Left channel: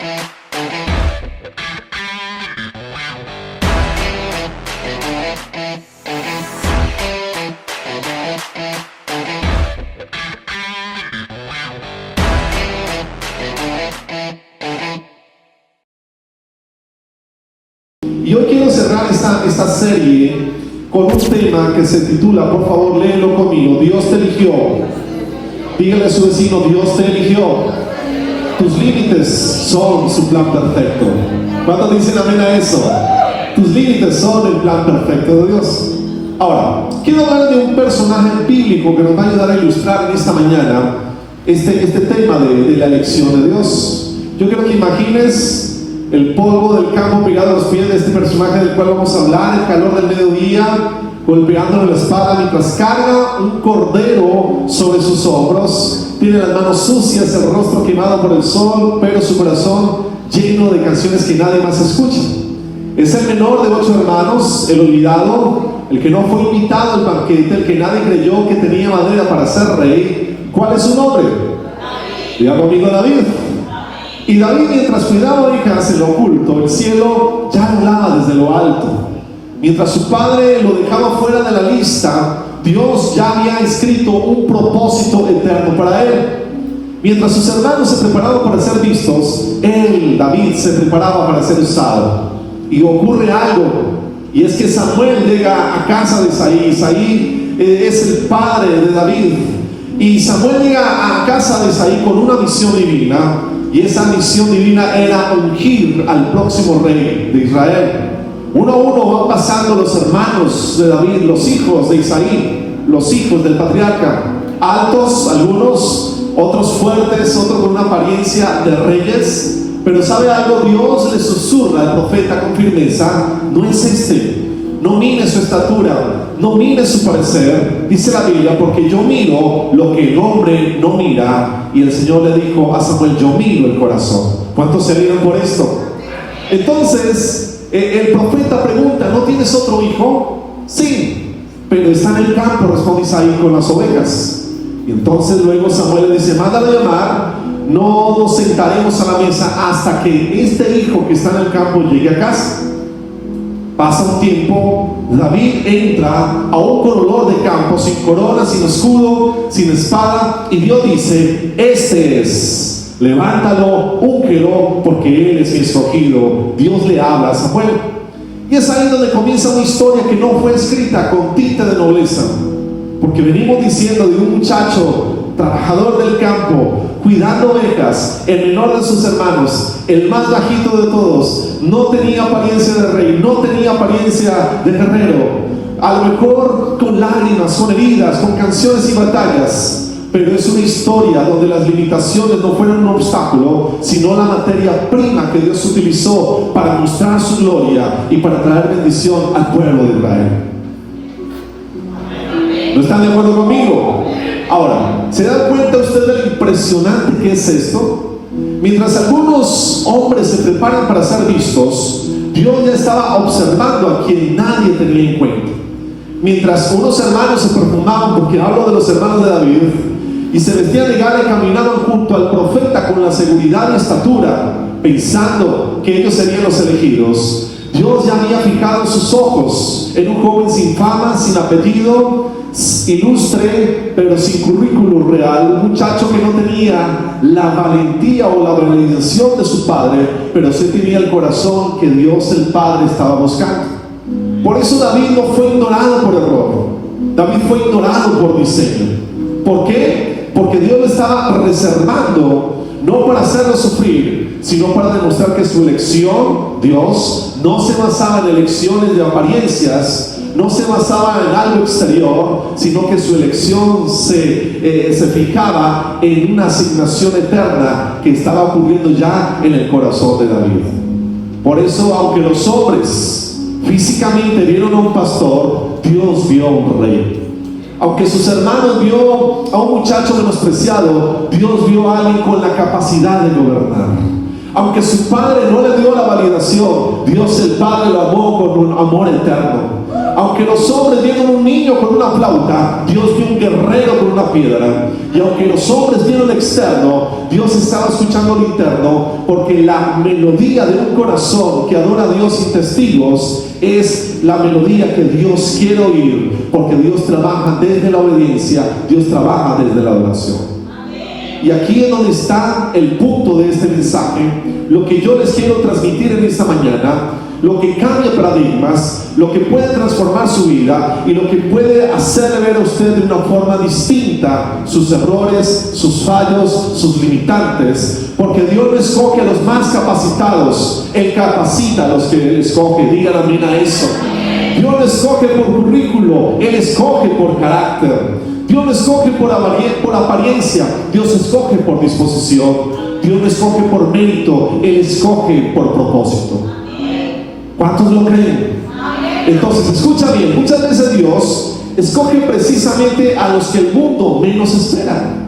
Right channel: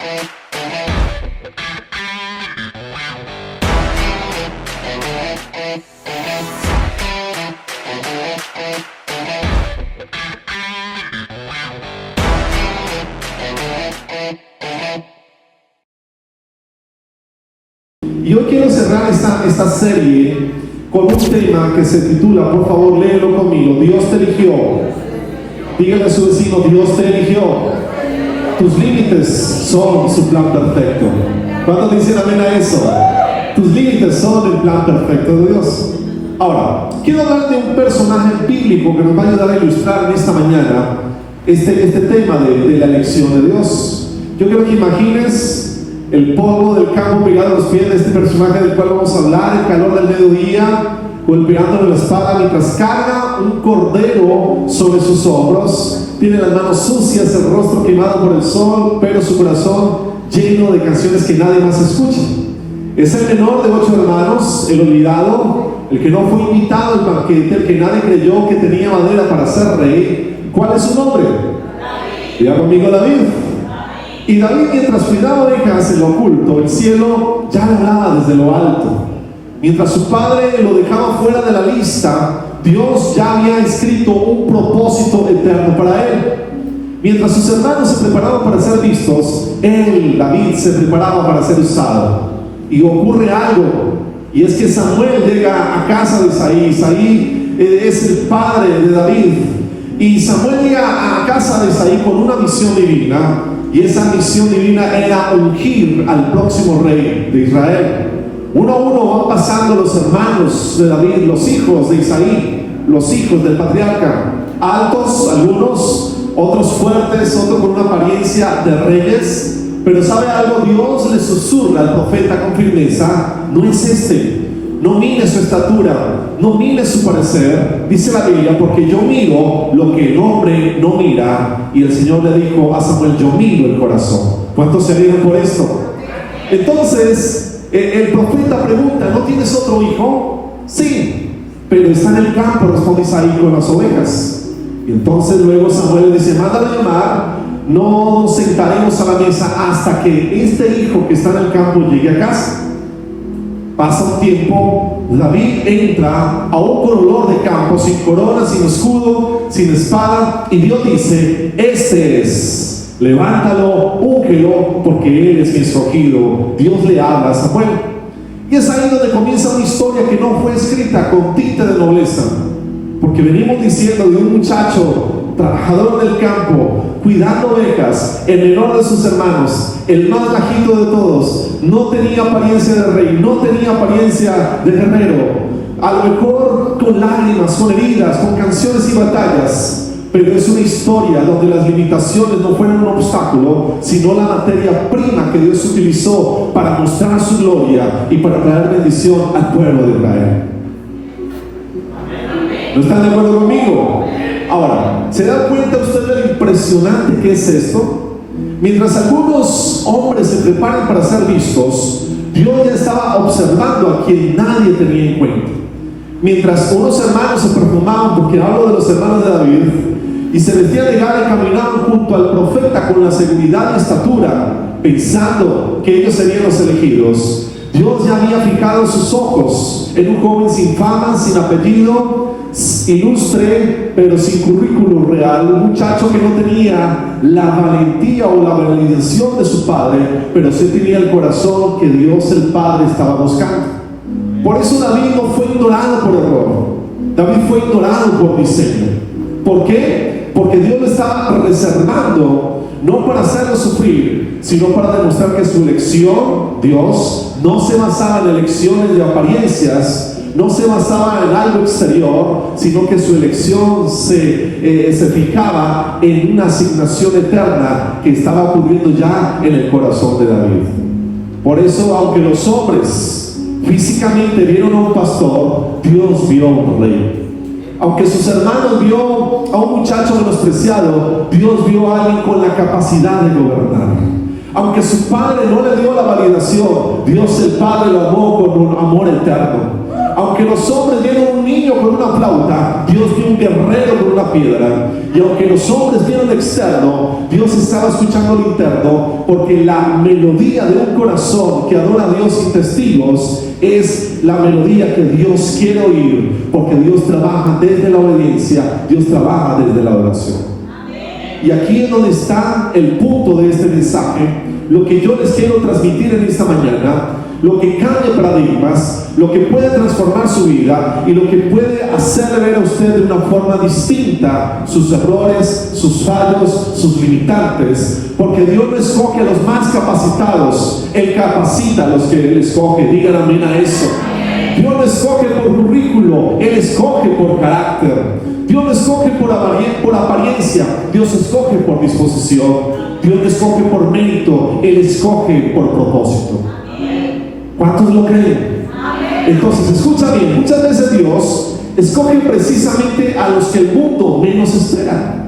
Y hoy quiero cerrar esta serie con un tema que se titula, por favor léelo conmigo, Dios te eligió. Dígale a su vecino, Dios te eligió. Tus límites son su plan perfecto. ¿Cuántos dicen amén a eso? Tus límites son el plan perfecto de Dios. Ahora, quiero hablar de un personaje bíblico que nos va a ayudar a ilustrar en esta mañana este tema de la elección de Dios. Yo quiero que imagines el polvo del campo pegado a los pies de este personaje del cual vamos a hablar, el calor del mediodía, golpeándole la espada mientras carga un cordero sobre sus hombros, tiene las manos sucias, el rostro quemado por el sol, pero su corazón lleno de canciones que nadie más escucha. Es el menor de 8 hermanos, el olvidado, el que no fue invitado al banquete, el que nadie creyó que tenía madera para ser rey. ¿Cuál es su nombre? Diga conmigo, David. Y David, mientras cuidaba ovejas en lo oculto, el cielo ya lo hablaba desde lo alto. Mientras su padre lo dejaba fuera de la lista, Dios ya había escrito un propósito eterno para él. Mientras sus hermanos se preparaban para ser vistos, él, David, se preparaba para ser usado. Y ocurre algo, y es que Samuel llega a casa de Isaí. Isaí es el padre de David. Y Samuel llega a casa de Isaí con una misión divina. Y esa misión divina era ungir al próximo rey de Israel. Uno a uno van pasando los hermanos de David, los hijos de Isaí, los hijos del patriarca, altos algunos, otros fuertes, otros con una apariencia de reyes. Pero ¿sabe algo? Dios le susurra al profeta con firmeza: no es este, no mire su estatura, no mire su parecer, dice la Biblia, porque yo miro lo que el hombre no mira. Y el Señor le dijo a Samuel: yo miro el corazón. ¿Cuántos se dieron por esto? Entonces el profeta pregunta: ¿no tienes otro hijo? Sí, pero está en el campo, responde Isaí, con las ovejas. Y entonces luego Samuel le dice: mándalo a llamar, no nos sentaremos a la mesa hasta que este hijo que está en el campo llegue a casa. Pasa un tiempo, David entra a un corredor de campo, sin corona, sin escudo, sin espada, y Dios dice: este es, levántalo, úngelo, porque él es mi escogido. Dios le habla a Samuel. Y es ahí donde comienza una historia que no fue escrita con tinta de nobleza, porque venimos diciendo de un muchacho trabajador del campo, cuidando ovejas, el menor de sus hermanos, el más bajito de todos. No tenía apariencia de rey, no tenía apariencia de guerrero, a lo mejor con lágrimas, con heridas, con canciones y batallas, pero es una historia donde las limitaciones no fueron un obstáculo, sino la materia prima que Dios utilizó para mostrar su gloria y para traer bendición al pueblo de Israel. ¿No están de acuerdo conmigo? Ahora, ¿se dan cuenta ustedes de lo impresionante que es esto? Mientras algunos hombres se preparan para ser vistos, Dios ya estaba observando a quien nadie tenía en cuenta. Mientras unos hermanos se perfumaban, porque hablo de los hermanos de David, y se vestían de gala y caminaban junto al profeta con la seguridad y estatura, pensando que ellos serían los elegidos, Dios ya había fijado sus ojos en un joven sin fama, sin apellido, ilustre, pero sin currículum real, un muchacho que no tenía la valentía o la bendición de su padre, pero sí tenía el corazón que Dios el Padre estaba buscando. Por eso David no fue ignorado por error, David fue ignorado por diseño. ¿Por qué? Porque Dios lo estaba reservando, no para hacerlo sufrir, sino para demostrar que su elección, Dios, no se basaba en elecciones de apariencias, no se basaba en algo exterior, sino que su elección se fijaba en una asignación eterna que estaba ocurriendo ya en el corazón de David. Por eso, aunque los hombres físicamente vieron a un pastor, Dios vio a un rey. Aunque sus hermanos vio a un muchacho menospreciado, Dios vio a alguien con la capacidad de gobernar. Aunque su padre no le dio la validación, Dios el Padre lo amó con un amor eterno. aunque los hombres dieron un niño con una flauta, Dios dio un guerrero con una piedra. Y aunque los hombres dieron externo, Dios estaba escuchando lo interno, porque la melodía de un corazón que adora a Dios sin testigos es la melodía que Dios quiere oír, porque Dios trabaja desde la obediencia, Dios trabaja desde la adoración. Y aquí es donde está el punto de este mensaje, lo que yo les quiero transmitir en esta mañana, lo que cambia paradigmas, lo que puede transformar su vida y lo que puede hacerle ver a usted de una forma distinta sus errores, sus fallos, sus limitantes, porque Dios no escoge a los más capacitados, Él capacita a los que Él escoge. Digan amén a eso. Dios no escoge por currículo, Él escoge por carácter. Dios no escoge por apariencia, Dios escoge por disposición. Dios no escoge por mérito, Él escoge por propósito. ¿Cuántos lo creen? Entonces, escucha bien, muchas veces Dios escoge precisamente a los que el mundo menos espera.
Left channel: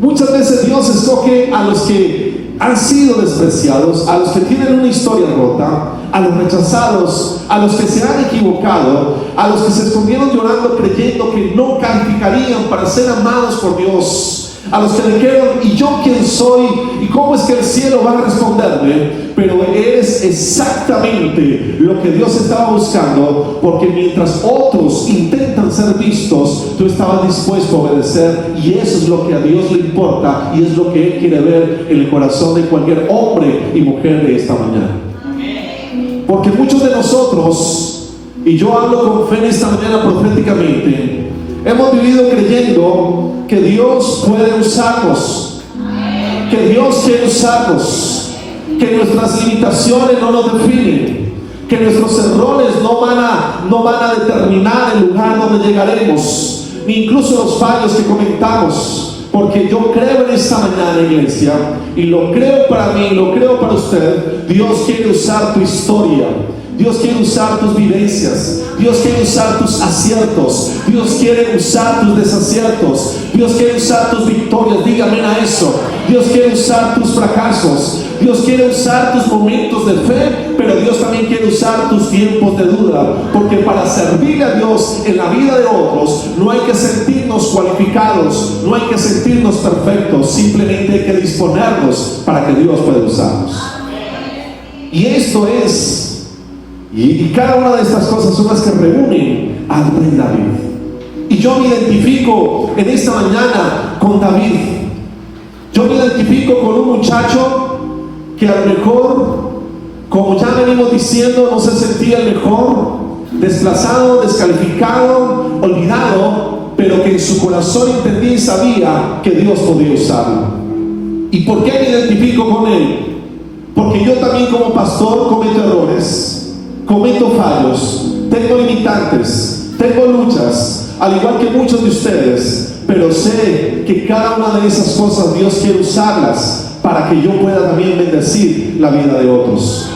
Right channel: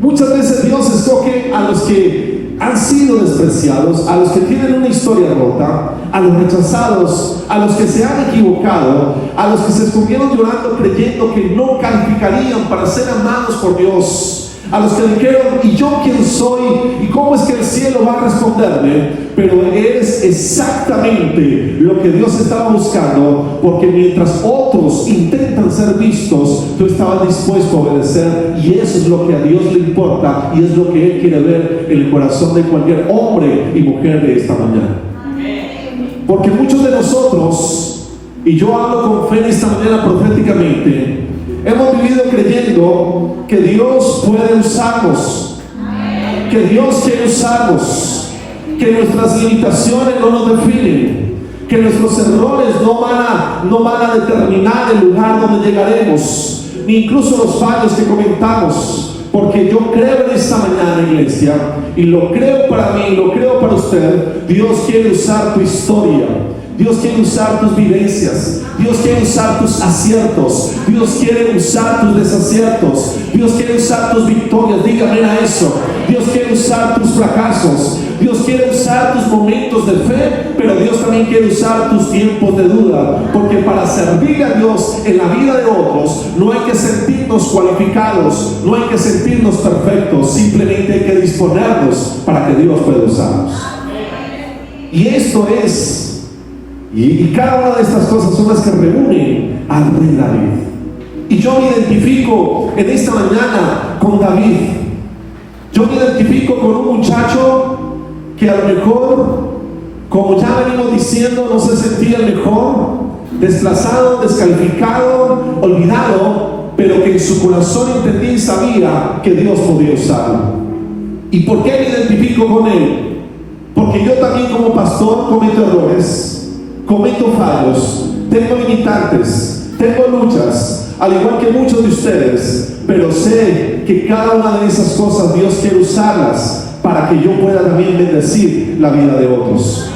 Muchas veces Dios escoge a los que han sido despreciados, a los que tienen una historia rota, a los rechazados, a los que se han equivocado, a los que se escondieron llorando creyendo que no calificarían para ser amados por Dios, a los que dijeron, ¿y yo quién soy? ¿Y cómo es que el cielo va a responderme? Pero eres exactamente lo que Dios estaba buscando, porque mientras otros intentan ser vistos, tú estabas dispuesto a obedecer, y eso es lo que a Dios le importa, y es lo que Él quiere ver en el corazón de cualquier hombre y mujer de esta mañana. Porque muchos de nosotros, y yo hablo con fe en esta mañana proféticamente, hemos vivido creyendo que Dios puede usarnos, que Dios quiere usarnos, que nuestras limitaciones no nos definen, que nuestros errores no van a determinar el lugar donde llegaremos, ni incluso los fallos que comentamos. Porque yo creo en esta mañana, iglesia, y lo creo para mí, y lo creo para usted. Dios quiere usar tu historia, Dios quiere usar tus vivencias, Dios quiere usar tus aciertos, Dios quiere usar tus desaciertos, Dios quiere usar tus victorias. Dígame a eso. Dios quiere usar tus fracasos, Dios quiere usar tus momentos de fe, pero Dios también quiere usar tus tiempos de duda, porque para servir a Dios en la vida de otros no hay que sentirnos cualificados, no hay que sentirnos perfectos, simplemente hay que disponernos para que Dios pueda usarnos. Y esto es, y cada una de estas cosas son las que reúnen al rey David. Y yo me identifico en esta mañana con David. Yo me identifico con un muchacho que a lo mejor, como ya venimos diciendo, no se sentía el mejor, desplazado, descalificado, olvidado, pero que en su corazón entendía y sabía que Dios podía usarlo. ¿Y por qué me identifico con él? Porque yo también como pastor cometo errores, cometo fallos, tengo limitantes, tengo luchas, al igual que muchos de ustedes, pero sé que cada una de esas cosas Dios quiere usarlas para que yo pueda también bendecir la vida de otros.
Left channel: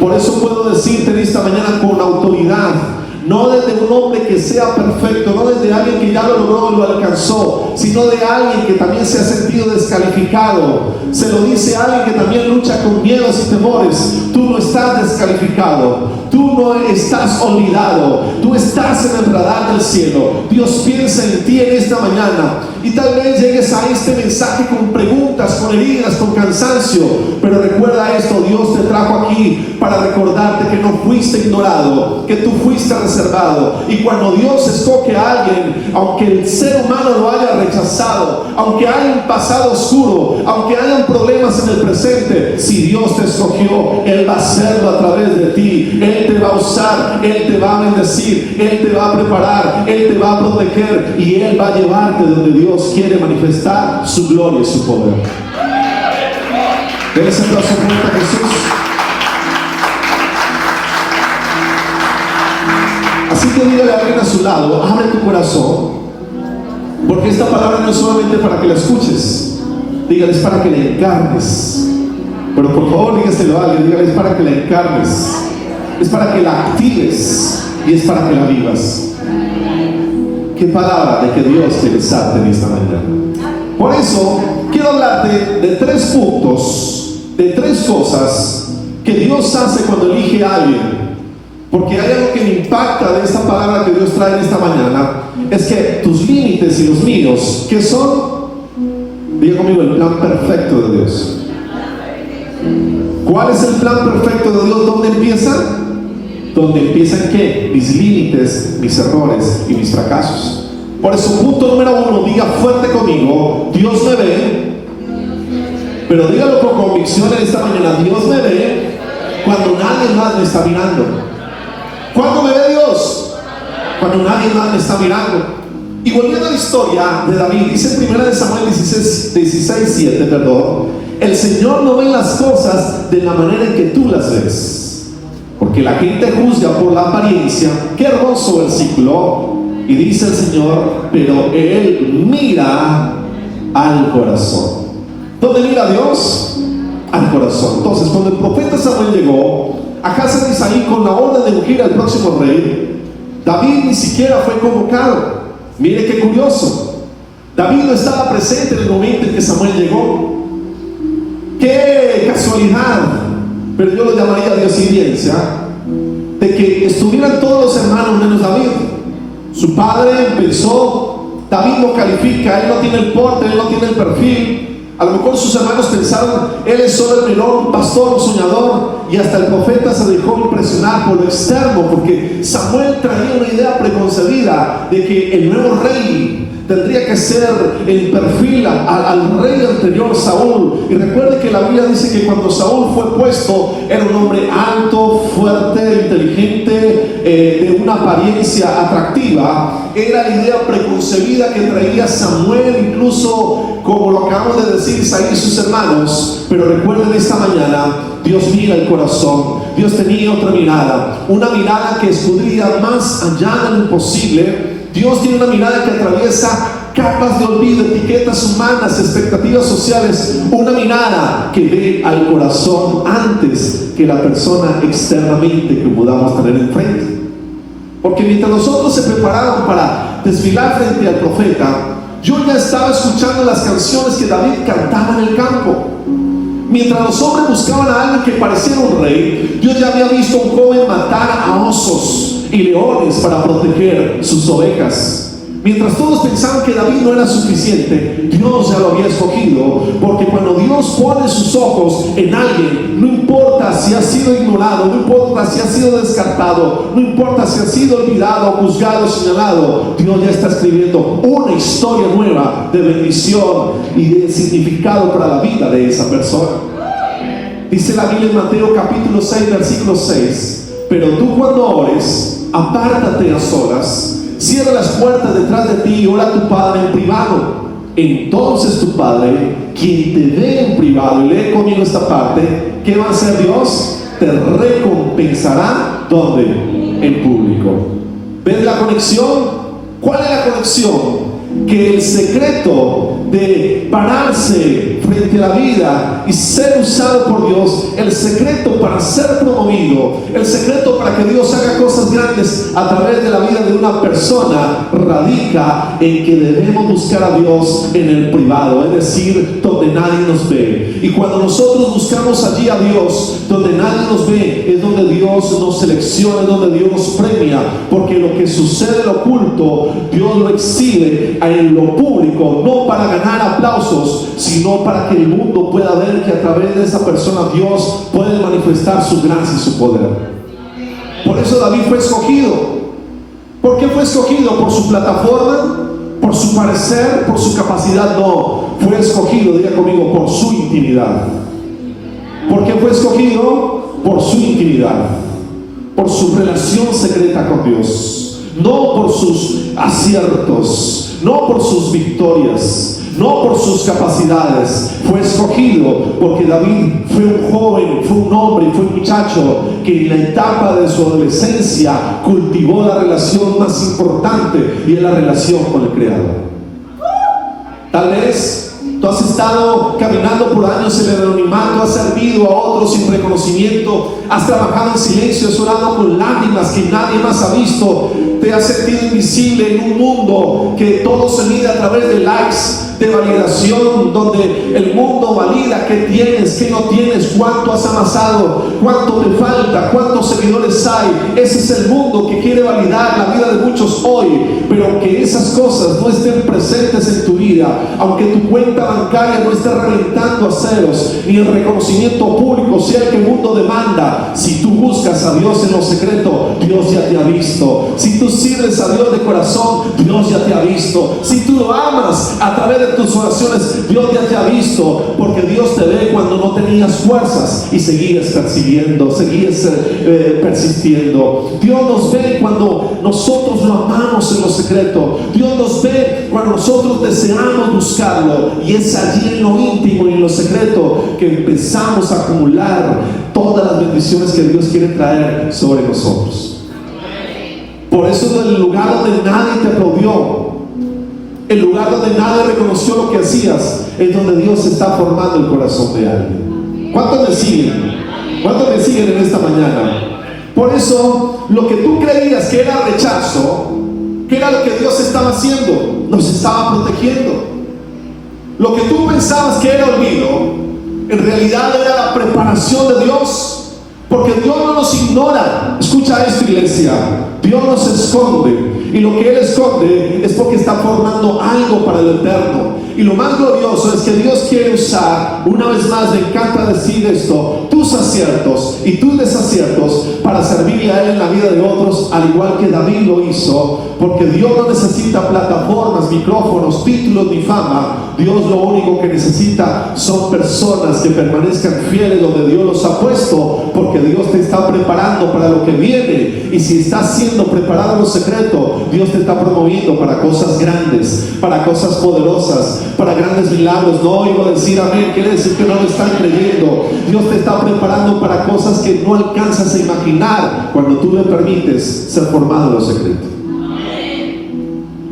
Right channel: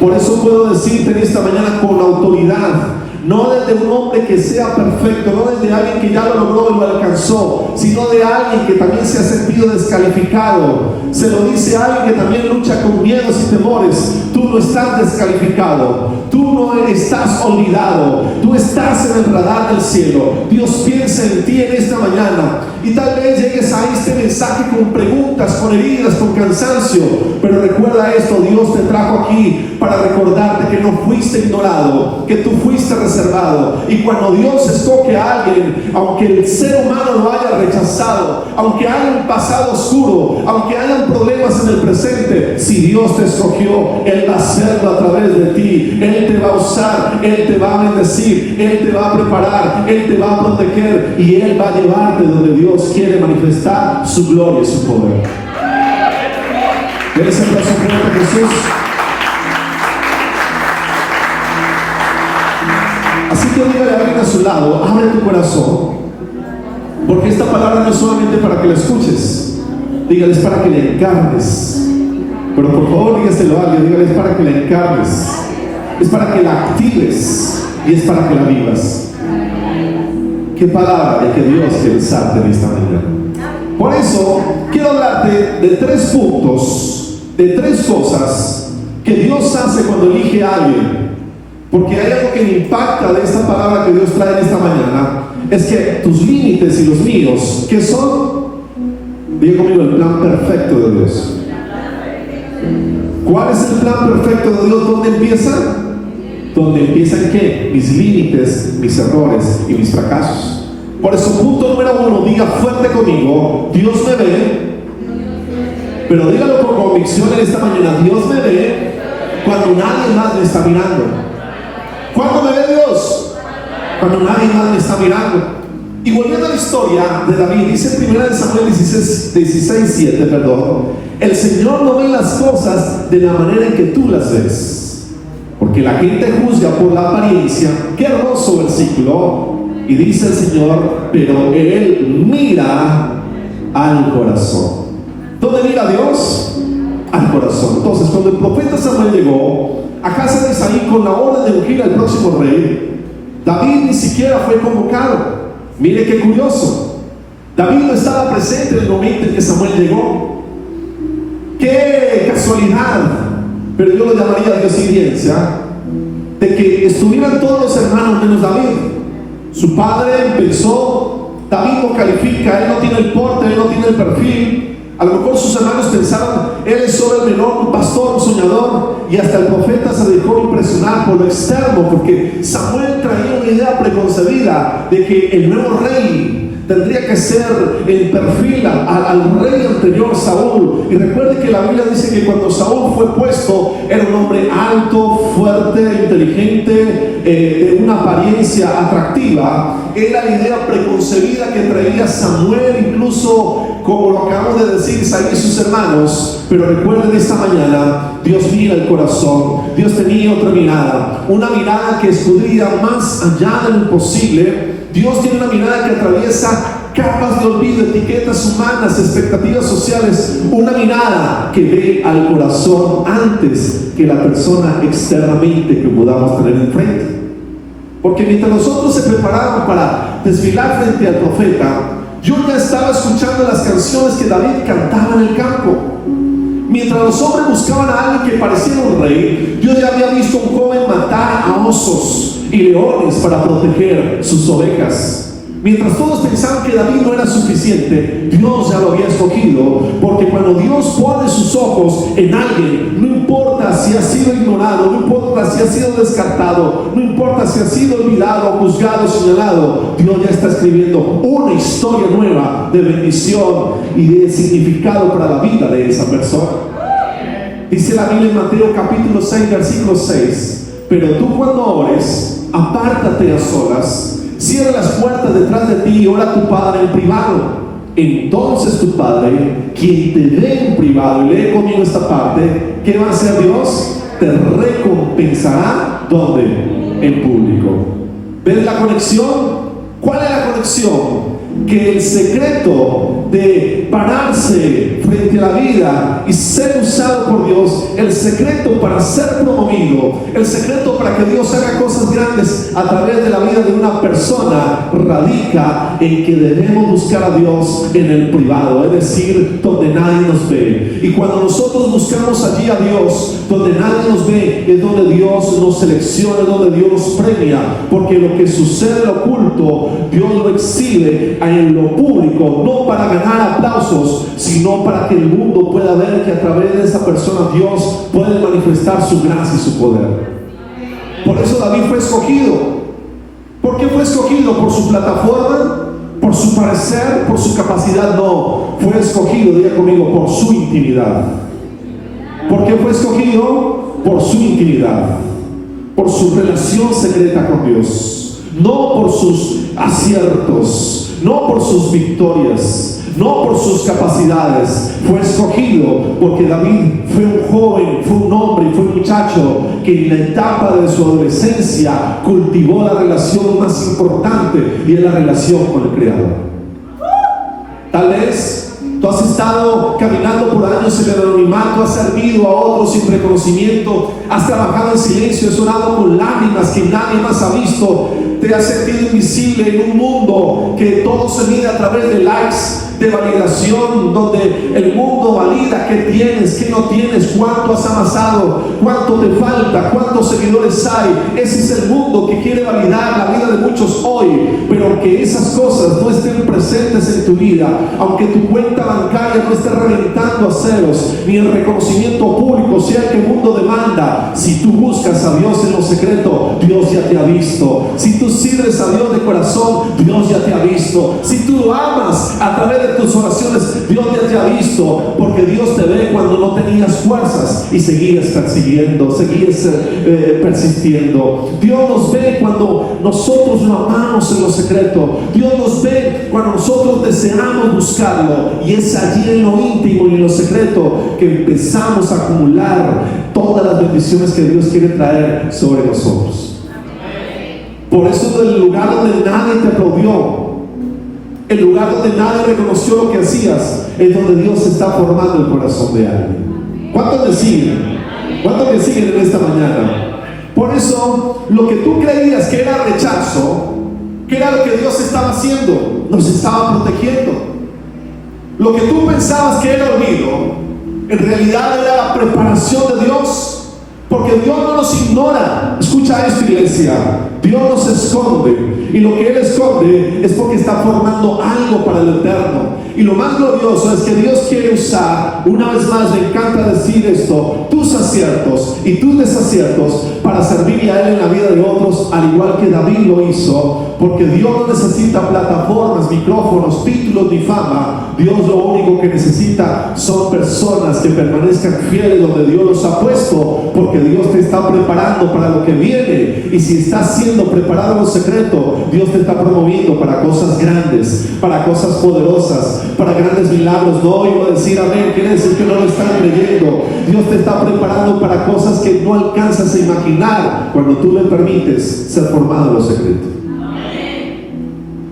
Por eso puedo decirte en esta mañana con autoridad, no desde un hombre que sea perfecto, no desde alguien que ya lo logró y lo alcanzó, sino de alguien que también se ha sentido descalificado. Se lo dice a alguien que también lucha con miedos y temores. Tú no estás descalificado, tú no estás olvidado, tú estás en el radar del cielo. Dios piensa en ti en esta mañana, y tal vez llegues a este mensaje con preguntas, con heridas, con cansancio, pero recuerda esto: Dios te trajo aquí para recordarte que no fuiste ignorado, que tú fuiste reservado. Y cuando Dios escoge a alguien, aunque el ser humano lo haya rechazado, aunque haya un pasado oscuro, aunque haya problemas en el presente, si Dios te escogió, Él va a hacerlo a través de ti. Él te va a usar, Él te va a bendecir, Él te va a preparar, Él te va a proteger, y Él va a llevarte donde Dios quiere manifestar su gloria y su poder. Denle ese aplauso fuerte a Jesús. Así que dígale a alguien a su lado: abre tu corazón, porque esta palabra no es solamente para que la escuches, dígale es para que la encarnes. Pero por favor dígaselo a alguien, dígale es para que la encarnes, es para que la actives y es para que la vivas. Qué palabra de que Dios quiere usarte en esta mañana. Por eso quiero hablarte de 3 puntos, de 3 cosas que Dios hace cuando elige a alguien. Porque hay algo que me impacta de esta palabra que Dios trae esta mañana, es que tus límites y los míos, ¿qué son? Diga conmigo, el plan perfecto de Dios. ¿Cuál es el plan perfecto de Dios? ¿Dónde empieza? ¿Dónde empiezan qué? Mis límites, mis errores y mis fracasos. Por eso, punto número 1, diga fuerte conmigo, Dios me ve. Pero dígalo por convicción en esta mañana, Dios me ve cuando nadie más me está mirando. ¿Cuándo me ve Dios? Cuando nadie más me está mirando. Y volviendo a la historia de David, dice en 1 Samuel 16:7, perdón, el Señor no ve las cosas de la manera en que tú las ves, porque la gente juzga por la apariencia. Qué hermoso versículo. Y dice el Señor, pero Él mira al corazón. ¿Dónde mira Dios? Al corazón. Entonces, cuando el profeta Samuel llegó a casa de Isaí con la orden de ungir al próximo rey, David ni siquiera fue convocado. Mire qué curioso. David no estaba presente en el momento en que Samuel llegó. Qué casualidad, pero yo lo llamaría coincidencia, de que estuvieran todos los hermanos menos David. Su padre pensó, David no califica, él no tiene el porte, él no tiene el perfil. A lo mejor sus hermanos pensaban, él es solo el menor, un pastor, un soñador, y hasta el profeta se dejó impresionar por lo externo, porque Samuel traía una idea preconcebida de que el nuevo rey tendría que ser el perfil al rey anterior, Saúl. Y recuerde que la Biblia dice que cuando Saúl fue puesto, era un hombre alto, fuerte, inteligente, de una apariencia atractiva. Era la idea preconcebida que traía Samuel, incluso como lo acabamos de decir Isaí y sus hermanos. Pero recuerden esta mañana, Dios mira el corazón. Dios tenía otra mirada, una mirada que escudría más allá de lo imposible. Dios tiene una mirada que atraviesa capas de olvido, etiquetas humanas, expectativas sociales, una mirada que ve al corazón antes que la persona externamente que podamos tener enfrente. Porque mientras nosotros se preparaban para desfilar frente al profeta, yo ya estaba escuchando las canciones que David cantaba en el campo. Mientras los hombres buscaban a alguien que pareciera un rey, yo ya había visto a un joven matar a osos y leones para proteger sus ovejas. Mientras todos pensaban que David no era suficiente, Dios ya lo había escogido, porque cuando Dios pone sus ojos en alguien, no importa si ha sido ignorado, no importa si ha sido descartado, no importa si ha sido olvidado, juzgado, señalado, Dios ya está escribiendo una historia nueva de bendición y de significado para la vida de esa persona. Dice la Biblia en Mateo capítulo 6, versículo 6, pero tú cuando ores, apártate a solas, cierra las puertas detrás de ti y ora a tu Padre en privado. Entonces tu Padre, quien te ve en privado, y lee conmigo esta parte, ¿qué va a hacer Dios? Te recompensará, ¿dónde? En público. ¿Ves la conexión? ¿Cuál es la conexión? Que el secreto de pararse frente a la vida y ser usado por Dios, el secreto para ser promovido, el secreto para que Dios haga cosas grandes a través de la vida de una persona, radica en que debemos buscar a Dios en el privado, es decir, donde nadie nos ve. Y cuando nosotros buscamos allí a Dios, donde nadie nos ve, es donde Dios nos selecciona, es donde Dios nos premia, porque lo que sucede en lo oculto, Dios lo exhibe en lo público, no para ganar aplausos, sino para que el mundo pueda ver que a través de esa persona Dios puede manifestar su gracia y su poder. Por eso David fue escogido. ¿Por qué fue escogido? ¿Por su plataforma? ¿Por su parecer? ¿Por su capacidad? No, fue escogido, diga conmigo, por su intimidad. ¿Por qué fue escogido? Por su intimidad, por su relación secreta con Dios, no por sus aciertos, no por sus victorias, no por sus capacidades. Fue escogido porque David fue un joven, fue un hombre, fue un muchacho que en la etapa de su adolescencia cultivó la relación más importante, y es la relación con el Creador. Tal vez tú has estado caminando por años en el anonimato, has servido a otros sin reconocimiento, has trabajado en silencio, has orado con lágrimas que nadie más ha visto, te has sentido invisible en un mundo que todo se mide a través de likes, de validación, donde el mundo valida qué tienes, qué no tienes, cuánto has amasado, cuánto te falta, cuántos seguidores hay. hay. Ese es el mundo que quiere validar la vida de muchos hoy. Pero aunque esas cosas no estén presentes en tu vida, aunque tu cuenta bancaria no esté reventando a ceros, ni el reconocimiento público sea el que el mundo demanda, si tú buscas a Dios en lo secreto, Dios ya te ha visto. Si tú sirves a Dios de corazón, Dios ya te ha visto. Si tú lo amas a través de tus oraciones, Dios ya te ha visto, porque Dios te ve cuando no tenías fuerzas y seguías persiguiendo, seguías persistiendo. Dios nos ve cuando nosotros lo amamos en lo secreto. Dios nos ve cuando nosotros deseamos buscarlo, y es allí en lo íntimo y en lo secreto que empezamos a acumular todas las bendiciones que Dios quiere traer sobre nosotros. Por eso, en el lugar donde nadie te aplaudió, el lugar donde nadie reconoció lo que hacías, es donde Dios está formando el corazón de alguien. ¿Cuántos me siguen? ¿Cuántos me siguen en esta mañana? Por eso, lo que tú creías que era rechazo, que era lo que Dios estaba haciendo, nos estaba protegiendo. Lo que tú pensabas que era olvido, en realidad era preparación de Dios, porque Dios no nos ignora. Escucha esto, iglesia: Dios nos esconde, y lo que Él esconde es porque está formando algo para el eterno. Y lo más glorioso es que Dios quiere usar, una vez más, me encanta decir esto, tus aciertos y tus desaciertos para servirle a Él en la vida de otros, al igual que David lo hizo, porque Dios no necesita plataformas, micrófonos, títulos ni fama. Dios lo único que necesita son personas que permanezcan fieles donde Dios los ha puesto, porque Dios te está preparando para lo que viene. Y si estás siendo preparado en lo secreto, Dios te está promoviendo para cosas grandes, para cosas poderosas, para grandes milagros. No iba a decir amén, quiere decir que no lo están creyendo. Dios te está preparando para cosas que no alcanzas a imaginar cuando tú le permites ser formado en lo secreto.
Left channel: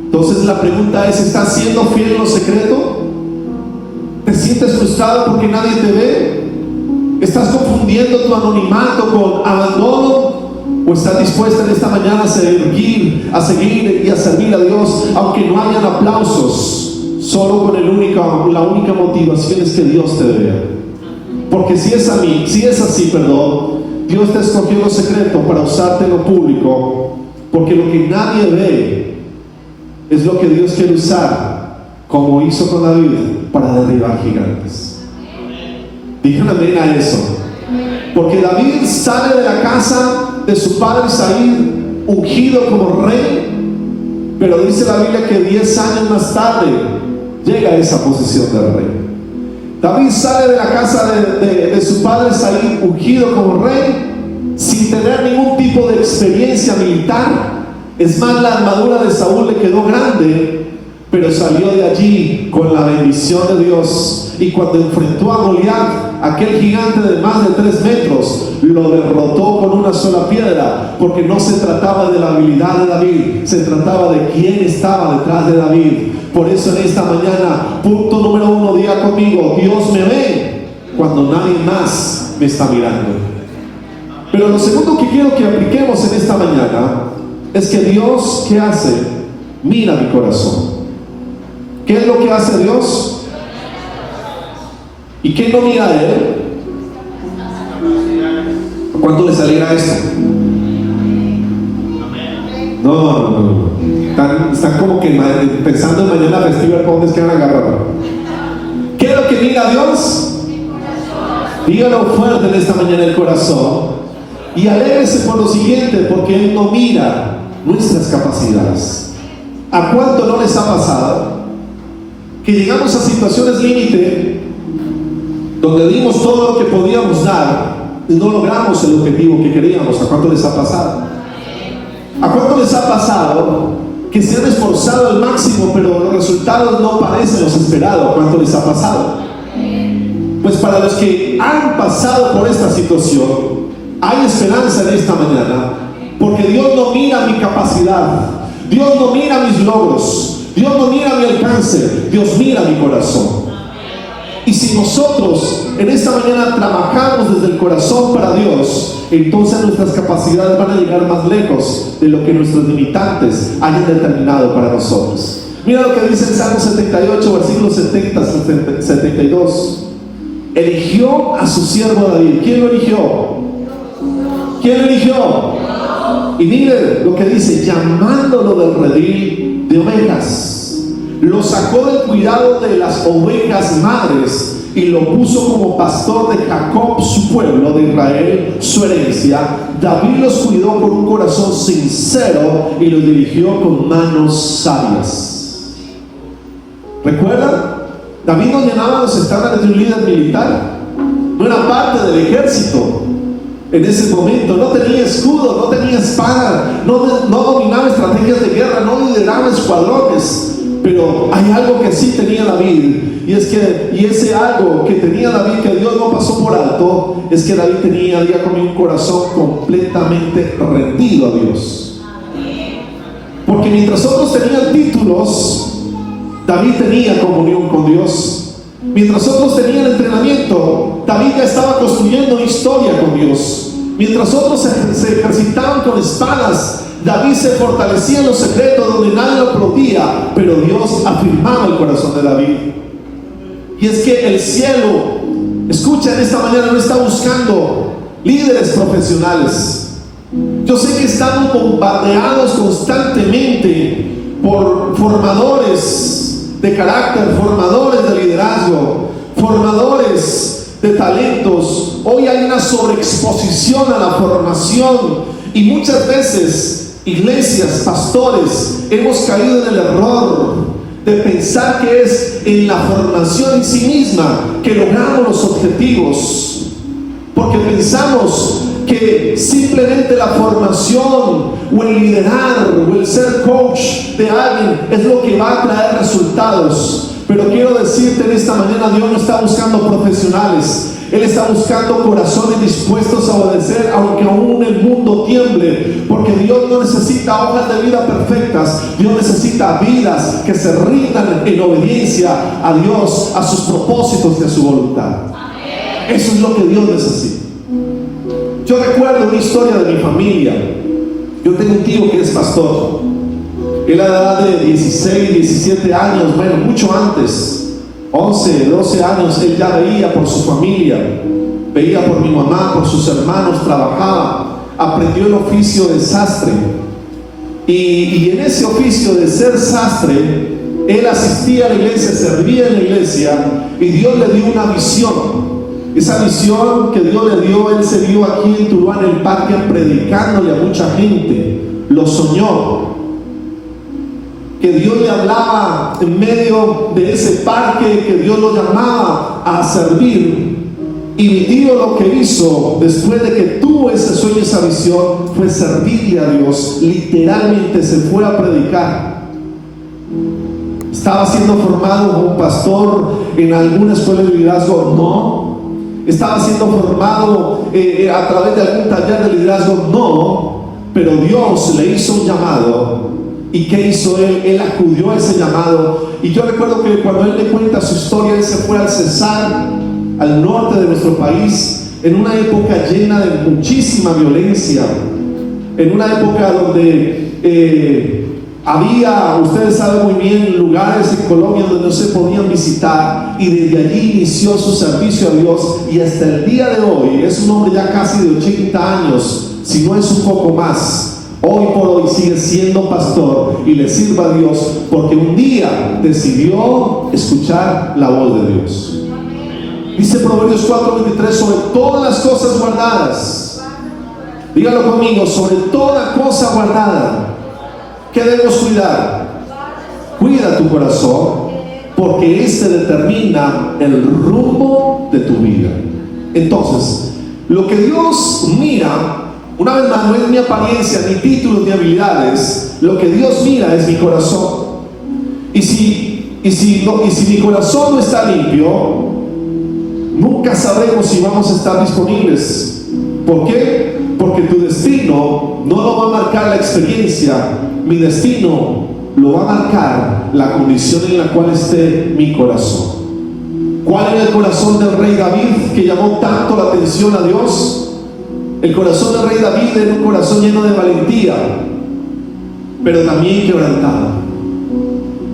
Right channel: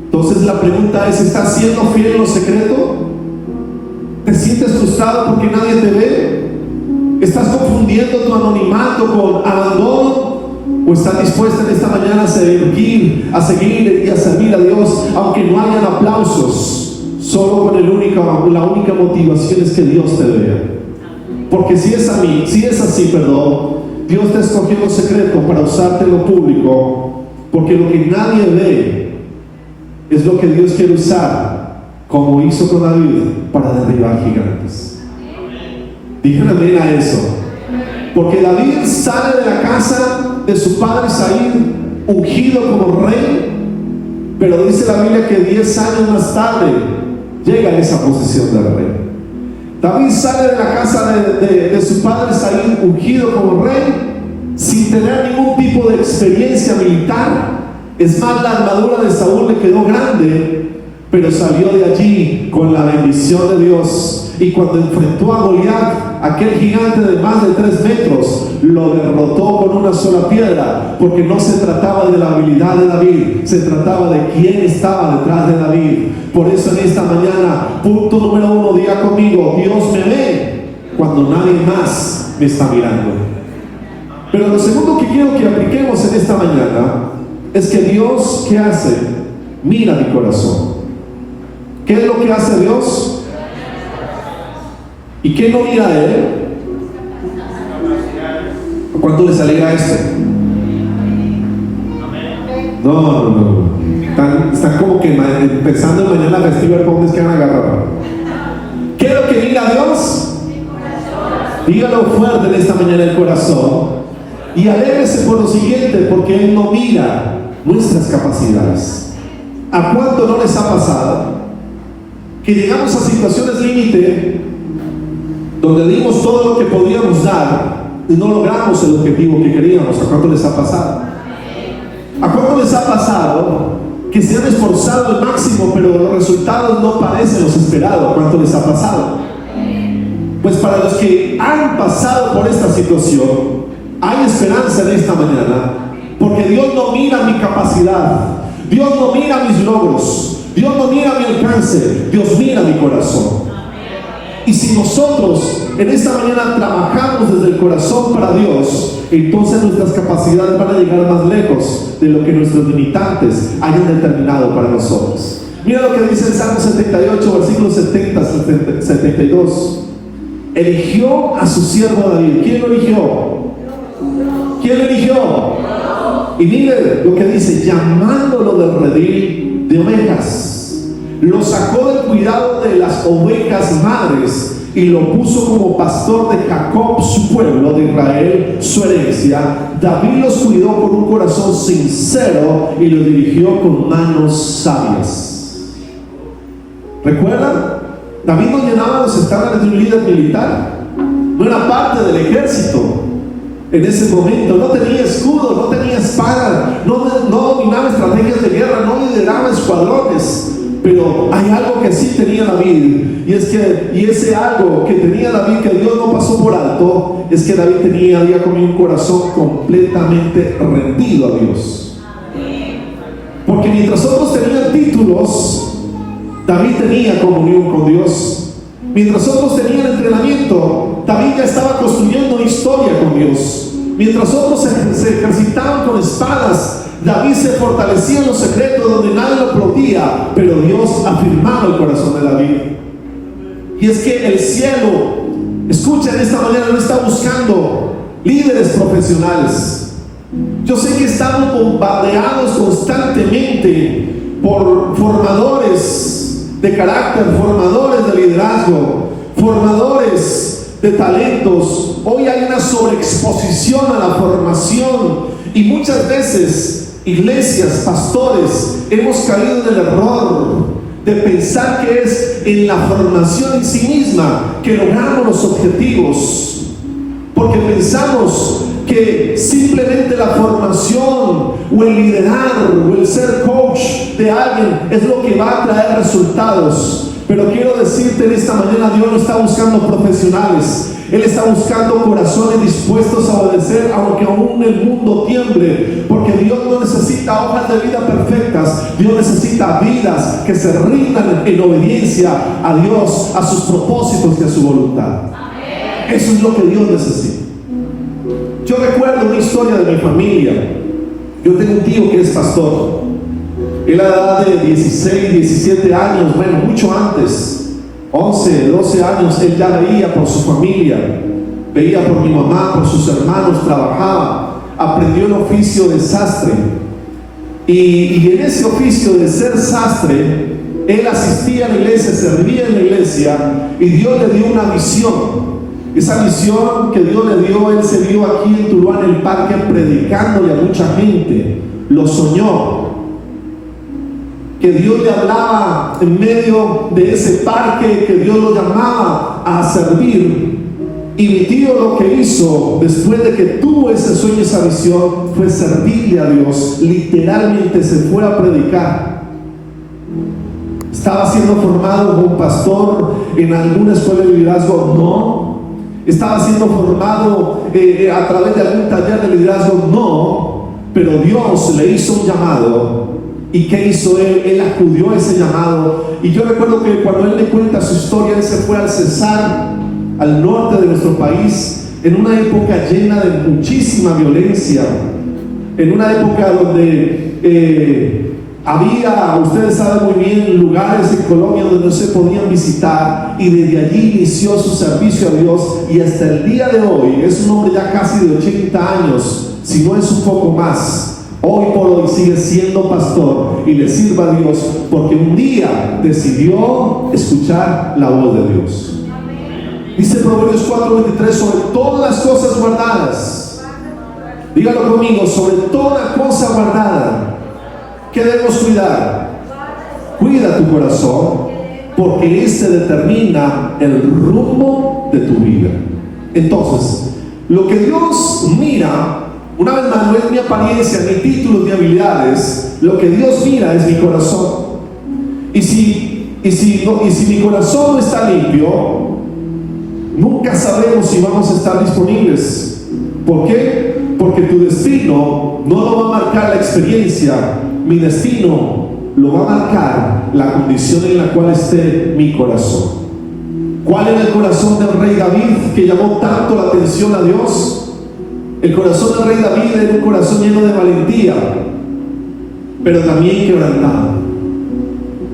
Entonces la pregunta es: ¿estás siendo fiel en lo secreto? ¿Te sientes frustrado porque nadie te ve? ¿Estás confundiendo tu anonimato con abandono? ¿O estás dispuesta en esta mañana a seguir y a servir a Dios aunque no hayan aplausos? Solo con la única motivación es que Dios te vea. Porque si es así, Dios te escogió en lo secreto para usarte en lo público, porque lo que nadie ve es lo que Dios quiere usar, como hizo con David, para derribar gigantes. Díganle amén a eso. Porque David sale de la casa de su padre Isaí ungido como rey, pero dice la Biblia que 10 años más tarde llega a esa posición del rey. David sale de la casa de su padre Isaí ungido como rey, sin tener ningún tipo de experiencia militar. Es más, la armadura de Saúl le quedó grande, pero salió de allí con la bendición de Dios. Y cuando enfrentó a Goliat, aquel gigante de más de 3 metros, lo derrotó con una sola piedra, porque no se trataba de la habilidad de David, se trataba de quién estaba detrás de David. Por eso en esta mañana, punto número 1, diga conmigo: Dios me ve cuando nadie más me está mirando. Pero lo segundo que quiero que apliquemos en esta mañana es que Dios, ¿qué hace? Mira mi corazón. ¿Qué es lo que hace Dios? ¿Y qué no mira a Él? ¿Cuánto les alegra esto? No. Están como que pensando en mañana festival, ¿cómo es que van a agarrar? ¿Qué es lo que mira a Dios? Dígalo fuerte en esta mañana: el corazón. Y alégrese por lo siguiente, porque Él no mira nuestras capacidades. ¿A cuánto no les ha pasado que llegamos a situaciones límite donde dimos todo lo que podíamos dar y no logramos el objetivo que queríamos? ¿A cuánto les ha pasado? ¿A cuánto les ha pasado que se han esforzado al máximo, pero los resultados no parecen los esperados? ¿A cuánto les ha pasado? Pues para los que han pasado por esta situación, hay esperanza en esta mañana, porque Dios no mira mi capacidad, Dios no mira mis logros, Dios no mira mi alcance, Dios mira mi corazón. Y si nosotros en esta mañana trabajamos desde el corazón para Dios, entonces nuestras capacidades van a llegar más lejos de lo que nuestros limitantes hayan determinado para nosotros. Mira lo que dice el Salmo 78, versículos 72. Eligió a su siervo David. ¿Quién lo eligió? ¿Quién lo eligió? Y mire lo que dice: llamándolo del redil de ovejas, lo sacó del cuidado de las ovejas madres y lo puso como pastor de Jacob, su pueblo, de Israel, su herencia. David los cuidó con un corazón sincero y los dirigió con manos sabias. ¿Recuerdan? David no llenaba los estándares de un líder militar, no era parte del ejército. En ese momento no tenía escudo, no tenía espada, no dominaba estrategias de guerra, no lideraba escuadrones. Pero hay algo que sí tenía David, y ese algo que tenía David, que Dios no pasó por alto, es que David tenía un corazón completamente rendido a Dios. Porque mientras otros tenían títulos, David tenía comunión con Dios. Mientras otros tenían entrenamiento, David ya estaba construyendo historia con Dios. Mientras otros se ejercitaban con espadas, David se fortalecía en los secretos donde nadie lo podía, pero Dios afirmaba el corazón de David. Y es que el cielo, escucha, en esta mañana no está buscando líderes profesionales. Yo sé que estamos bombardeados constantemente por formadores de carácter, formadores de liderazgo, formadores de talentos. Hoy hay una sobreexposición a la formación, y muchas veces iglesias, pastores, hemos caído en el error de pensar que es en la formación en sí misma que logramos los objetivos, porque pensamos que simplemente la formación o el liderar o el ser coach de alguien es lo que va a traer resultados. Pero quiero decirte en esta mañana, Dios no está buscando profesionales. Él está buscando corazones dispuestos a obedecer, aunque aún el mundo tiemble, porque Dios no necesita hojas de vida perfectas. Dios necesita vidas que se rindan en obediencia a Dios, a sus propósitos y a su voluntad. Eso es lo que Dios necesita. Yo recuerdo una historia de mi familia. Yo tengo un tío que es pastor. Él a la edad de 16, 17 años, bueno, mucho antes, 11, 12 años, él ya veía por su familia, veía por mi mamá, por sus hermanos, trabajaba, aprendió el oficio de sastre. Y en ese oficio de ser sastre, él asistía a la iglesia, servía en la iglesia, y Dios le dio una visión. Esa visión que Dios le dio, él se vio aquí en Tuluá, en el parque, predicándole a mucha gente. Lo soñó, que Dios le hablaba en medio de ese parque, que Dios lo llamaba a servir. Y mi tío lo que hizo después de que tuvo ese sueño, esa visión, fue servirle a Dios. Literalmente se fue a predicar. ¿Estaba siendo formado como un pastor en alguna escuela de liderazgo? No. ¿Estaba siendo formado a través de algún taller de liderazgo? No. Pero Dios le hizo un llamado. ¿Y qué hizo él? Él acudió a ese llamado. Y yo recuerdo que cuando él le cuenta su historia, él se fue al Cesar, al norte de nuestro país, en una época llena de muchísima violencia, en una época donde había, ustedes saben muy bien, lugares en Colombia donde no se podían visitar, y desde allí inició su servicio a Dios, y hasta el día de hoy es un hombre ya casi de 80 años, si no es un poco más. Hoy por hoy sigue siendo pastor y le sirve a Dios porque un día decidió escuchar la voz de Dios. Dice Proverbios 4:23, sobre todas las cosas guardadas, dígalo conmigo, sobre toda cosa guardada, ¿qué debemos cuidar? Cuida tu corazón, porque este determina el rumbo de tu vida. Entonces, lo que Dios mira, una vez más, no es mi apariencia, ni títulos, ni habilidades. Lo que Dios mira es mi corazón. Y si mi corazón no está limpio, nunca sabremos si vamos a estar disponibles. ¿Por qué? Porque tu destino no lo va a marcar la experiencia. Mi destino lo va a marcar la condición en la cual esté mi corazón. ¿Cuál era el corazón del rey David que llamó tanto la atención a Dios? El corazón del rey David era un corazón lleno de valentía, pero también quebrantado.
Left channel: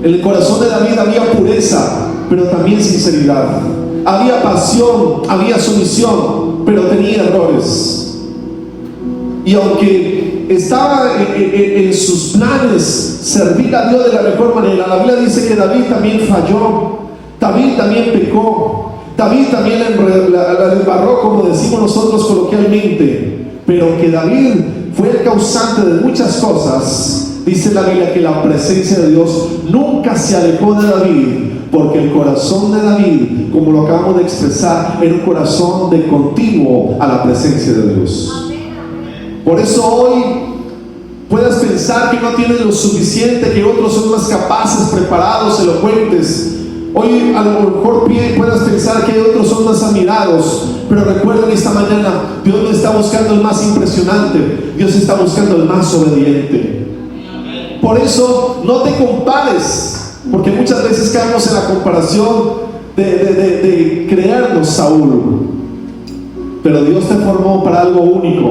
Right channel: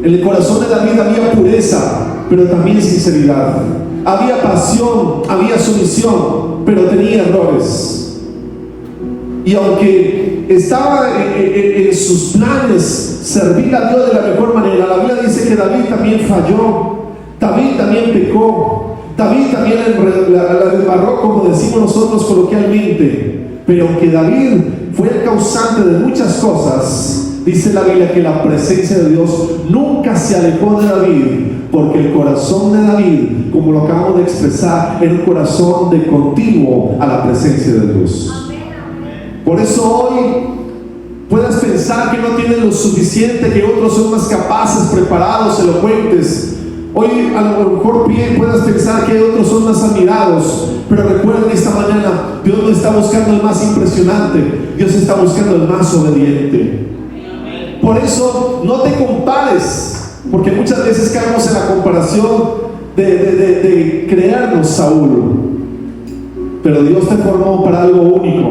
En el corazón de David había pureza, pero también sinceridad. Había pasión, había sumisión, pero tenía errores. Y aunque estaba en sus planes servir a Dios de la mejor manera. La Biblia dice que David también falló, David también pecó, David también la embarró, como decimos nosotros coloquialmente, pero que David fue el causante de muchas cosas. Dice la Biblia que la presencia de Dios nunca se alejó de David, porque el corazón de David, como lo acabamos de expresar, era un corazón de continuo a la presencia de Dios. Por eso hoy puedes pensar que no tienes lo suficiente, que otros son más capaces, preparados, elocuentes. Hoy a lo mejor puedas pensar que otros son más admirados, pero recuerden esta mañana, Dios no está buscando el más impresionante, Dios está buscando el más obediente. Por eso no te compares, porque muchas veces caemos en la comparación de creernos Saúl. Pero Dios te formó para algo único,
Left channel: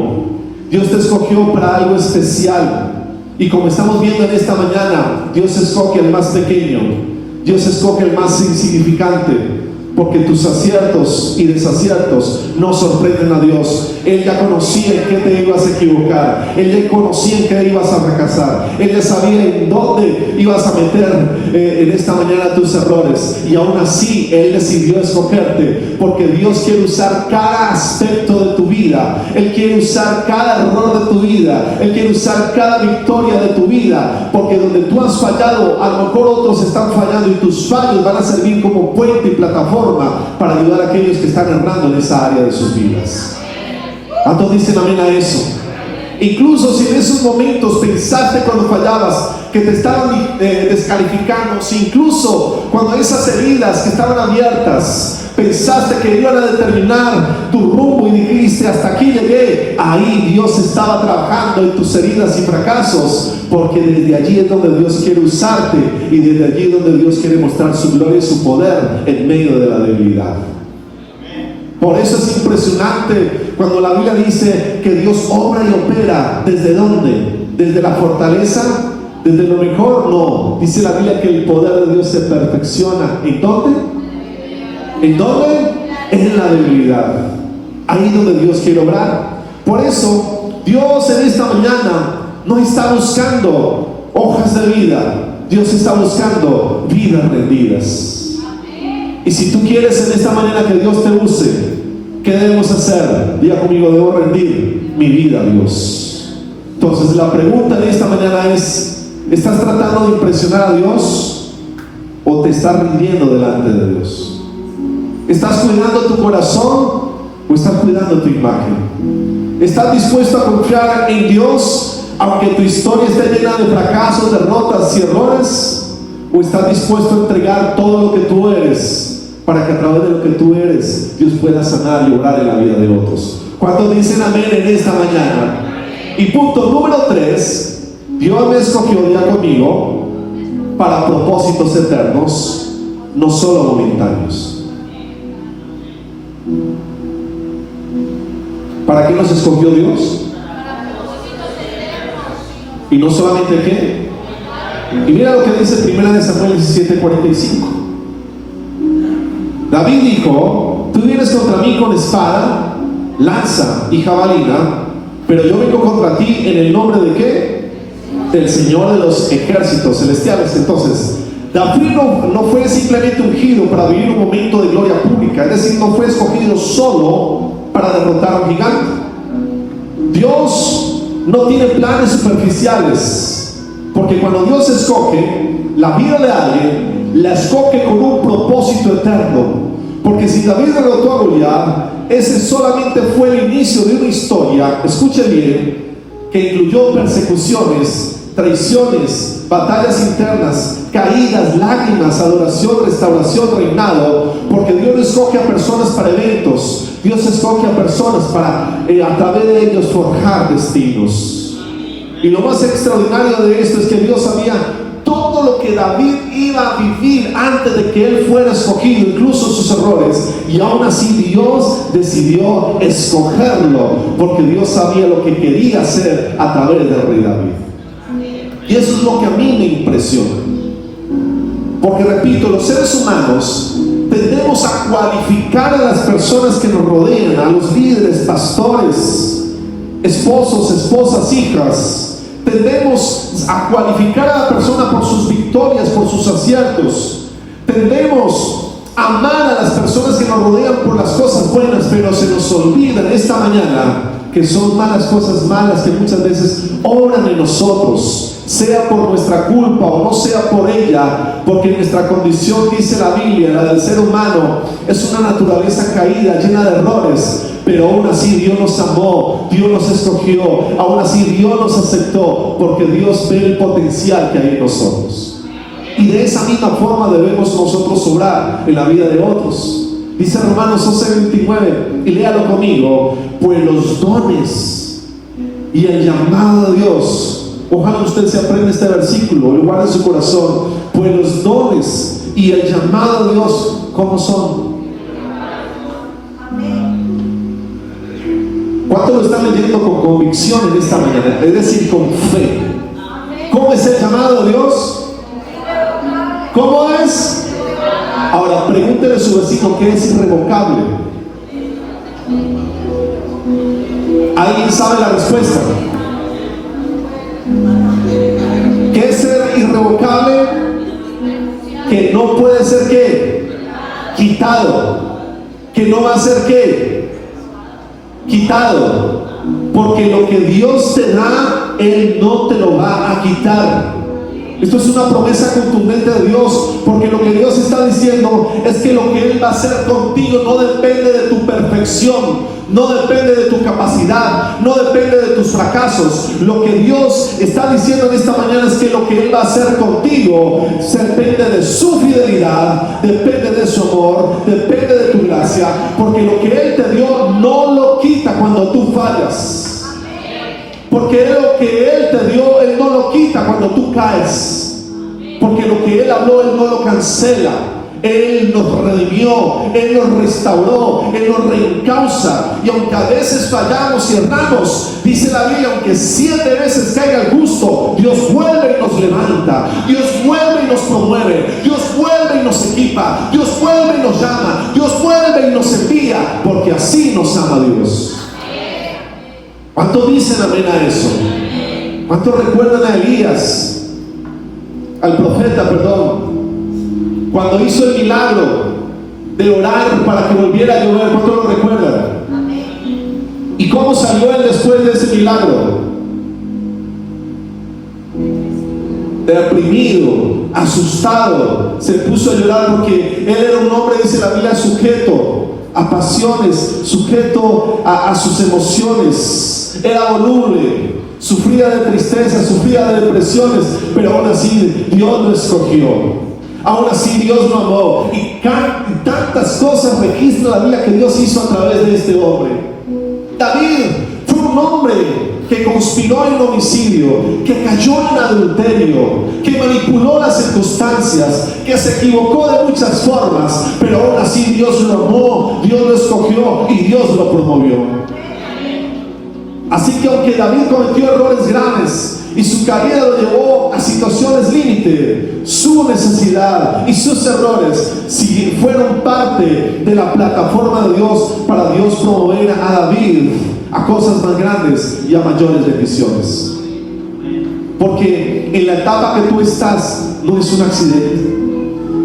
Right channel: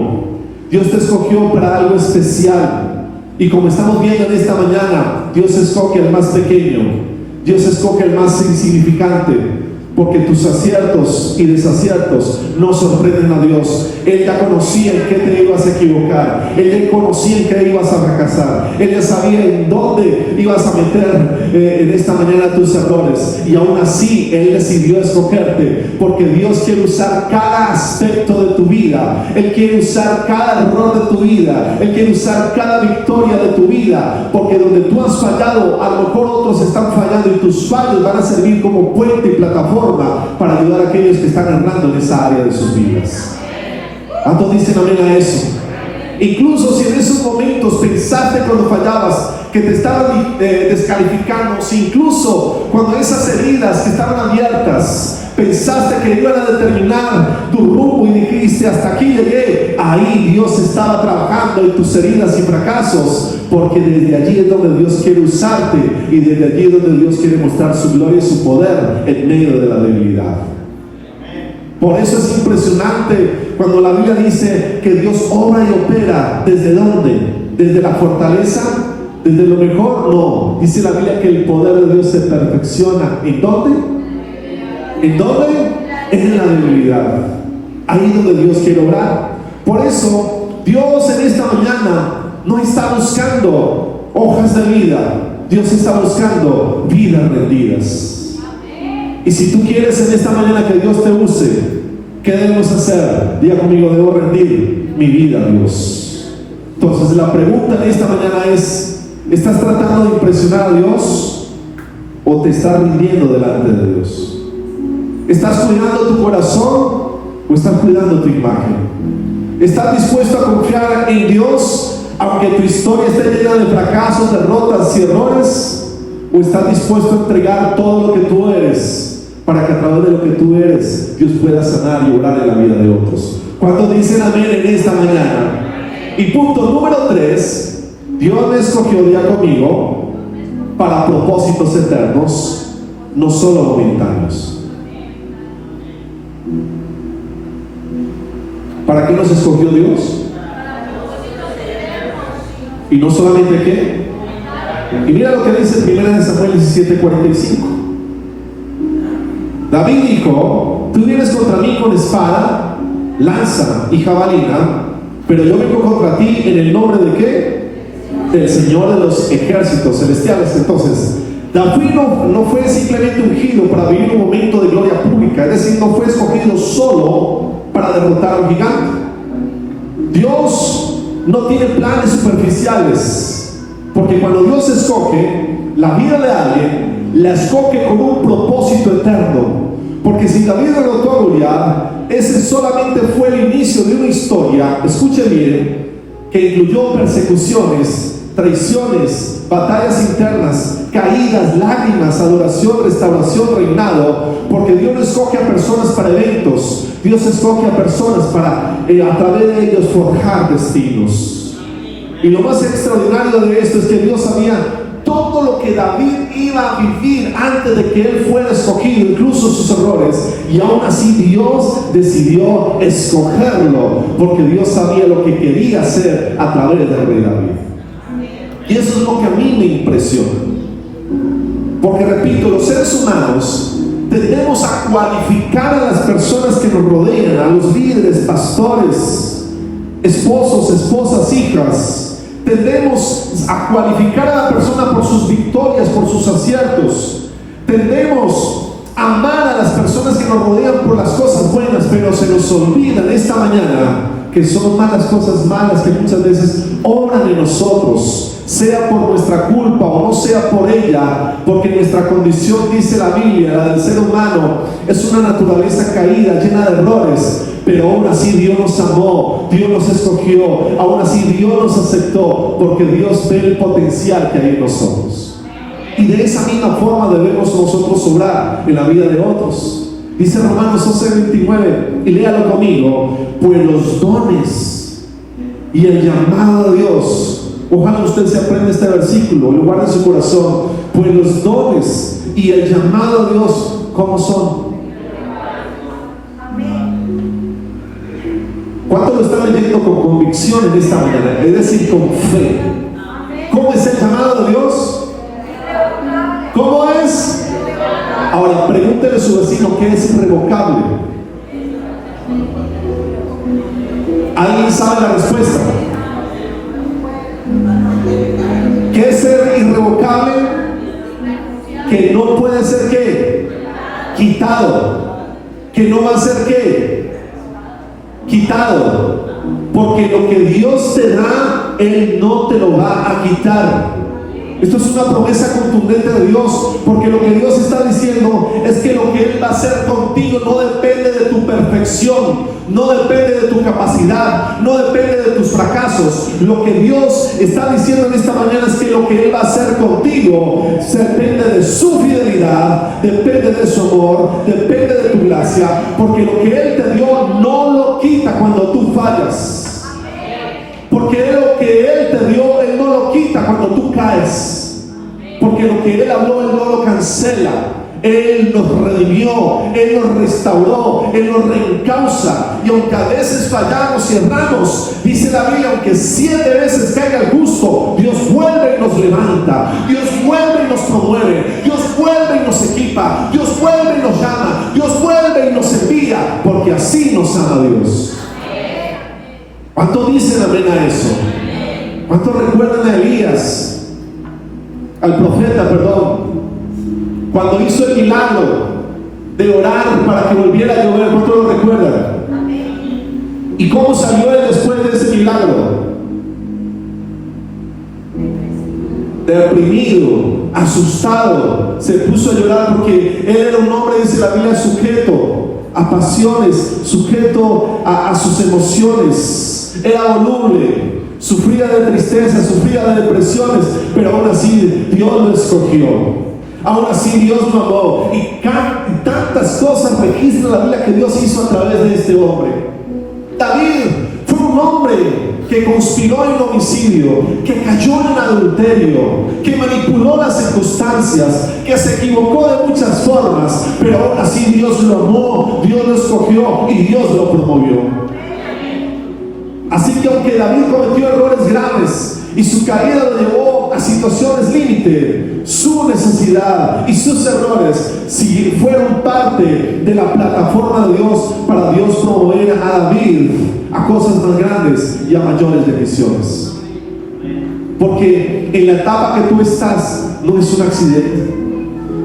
Dios te escogió para algo especial. Y como estamos viendo en esta mañana, Dios escoge al más pequeño, Dios escoge al más insignificante, porque tus aciertos y desaciertos no sorprenden a Dios. Él ya conocía en qué te ibas a equivocar, Él ya conocía en qué ibas a fracasar, Él ya sabía en dónde ibas a meter en esta mañana tus errores, y aún así Él decidió escogerte, porque Dios quiere usar cada aspecto de tu vida, Él quiere usar cada error de tu vida, Él quiere usar cada victoria de tu vida, porque donde tú has fallado, a lo mejor otros están fallando, y tus fallos van a servir como puente y plataforma para ayudar a aquellos que están errando en esa área de sus vidas. ¿Cuántos dicen amén a eso? Incluso si en esos momentos pensaste cuando fallabas que te estaban descalificando, si incluso cuando esas heridas que estaban abiertas pensaste que iban a determinar tu rumbo y dijiste hasta aquí llegué, ahí Dios estaba trabajando en tus heridas y fracasos, porque desde allí es donde Dios quiere usarte, y desde allí es donde Dios quiere mostrar su gloria y su poder en medio de la debilidad. Por eso es impresionante cuando la Biblia dice que Dios obra y opera. ¿Desde dónde? ¿Desde la fortaleza? ¿Desde lo mejor? No. Dice la Biblia que el poder de Dios se perfecciona. ¿En dónde? ¿En dónde? En la debilidad. Ahí es donde Dios quiere obrar. Por eso Dios en esta mañana no está buscando hojas de vida, Dios está buscando vidas rendidas. Y si tú quieres en esta mañana que Dios te use, ¿qué debemos hacer? Diga conmigo: debo rendir mi vida a Dios. Entonces la pregunta de esta mañana es: ¿estás tratando de impresionar a Dios o te estás rindiendo delante de Dios? ¿Estás cuidando tu corazón o estás cuidando tu imagen? ¿Estás dispuesto a confiar en Dios aunque tu historia esté llena de fracasos, derrotas y errores? ¿O estás dispuesto a entregar todo lo que tú eres para que a través de lo que tú eres Dios pueda sanar y obrar en la vida de otros? ¿Cuántos dicen amén en esta mañana? Y punto número 3, Dios me escogió, ya conmigo, para propósitos eternos, no solo momentáneos. ¿Para qué nos escogió Dios? Y no solamente qué. Y mira lo que dice 1 Samuel 17:45. David dijo: tú vienes contra mí con espada, lanza y jabalina, pero yo vengo contra ti en el nombre de qué? Del Señor de los ejércitos celestiales. Entonces David no fue simplemente ungido para vivir un momento de gloria pública, es decir, no fue escogido solo para derrotar a un gigante. Dios no tiene planes superficiales, porque cuando Dios escoge la vida de alguien, la escoge con un propósito eterno. Porque si David derrotó a Goliat, ese solamente fue el inicio de una historia, escuche bien, que incluyó persecuciones, traiciones, batallas internas, caídas, lágrimas, adoración, restauración, reinado. Porque Dios no escoge a personas para eventos, Dios escoge a personas para a través de ellos forjar destinos. Y lo más extraordinario de esto es que Dios sabía todo lo que David iba a vivir antes de que él fuera escogido, incluso sus errores, y aún así Dios decidió escogerlo, porque Dios sabía lo que quería hacer a través del rey David. Y eso es lo que a mí me impresiona, porque repito, los seres humanos tendemos a cualificar a las personas que nos rodean, a los líderes, pastores, esposos, esposas, hijas, tendemos a cualificar a la persona por sus victorias, por sus aciertos. Tendemos a amar a las personas que nos rodean por las cosas buenas, pero se nos olvida en esta mañana que son malas cosas malas que muchas veces obran en nosotros, sea por nuestra culpa o no sea por ella, porque nuestra condición, dice la Biblia, la del ser humano, es una naturaleza caída, llena de errores, pero aún así Dios nos amó, Dios nos escogió, aún así Dios nos aceptó, porque Dios ve el potencial que hay en nosotros. Y de esa misma forma debemos nosotros obrar en la vida de otros. Dice Romanos 11:29, y léalo conmigo: pues los dones y el llamado a Dios, ojalá usted se aprenda este versículo, lo guarde en su corazón, pues los dones y el llamado a Dios, ¿cómo son? ¿Cuántos lo están leyendo con convicción en esta mañana? Es decir, con fe. ¿Cómo es el llamado de Dios? ¿Cómo es? Ahora, pregúntele a su vecino qué es irrevocable. ¿Alguien sabe la respuesta? ¿Qué es ser irrevocable? Que no puede ser ¿qué? Quitado. Que no va a ser ¿qué? Quitado. Porque lo que Dios te da, Él no te lo va a quitar. Esto es una promesa contundente de Dios, porque lo que Dios está diciendo es que lo que Él va a hacer contigo no depende de tu perfección, no depende de tu capacidad, no depende de tus fracasos. Lo que Dios está diciendo en esta mañana es que lo que Él va a hacer contigo depende de su fidelidad, depende de su amor, depende de tu gracia, porque lo que Él te dio no lo quita cuando tú fallas. Porque lo que Él te dio, Él no lo quita cuando tú caes. Porque lo que Él habló, Él no lo cancela. Él nos redimió, Él nos restauró, Él nos reencausa. Y aunque a veces fallamos y erramos, dice la Biblia, aunque 7 veces caiga el justo, Dios vuelve y nos levanta, Dios vuelve y nos promueve, Dios vuelve y nos equipa, Dios vuelve y nos llama, Dios vuelve y nos envía, porque así nos ama Dios. ¿Cuántos dicen amén a eso? ¿Cuántos recuerdan a Elías, al profeta, cuando hizo el milagro de orar para que volviera a llover? ¿Cuántos lo recuerdan? ¿Y cómo salió él después de ese milagro? Deprimido, asustado, se puso a llorar porque él era un hombre, dice la Biblia, sujeto a pasiones, sujeto a sus emociones. Era voluble, sufría de tristeza, sufría de depresiones, pero aún así Dios lo escogió, aún así Dios lo amó, y tantas cosas registra la Biblia que Dios hizo a través de este hombre. David fue un hombre que conspiró en homicidio, que cayó en adulterio, que manipuló las circunstancias, que se equivocó de muchas formas, pero aún así Dios lo amó, Dios lo escogió y Dios lo promovió. Así que aunque David cometió errores graves y su carrera lo llevó a situaciones límite, su necesidad y sus errores si fueron parte de la plataforma de Dios para Dios promover a David a cosas más grandes y a mayores bendiciones. Porque en la etapa que tú estás no es un accidente.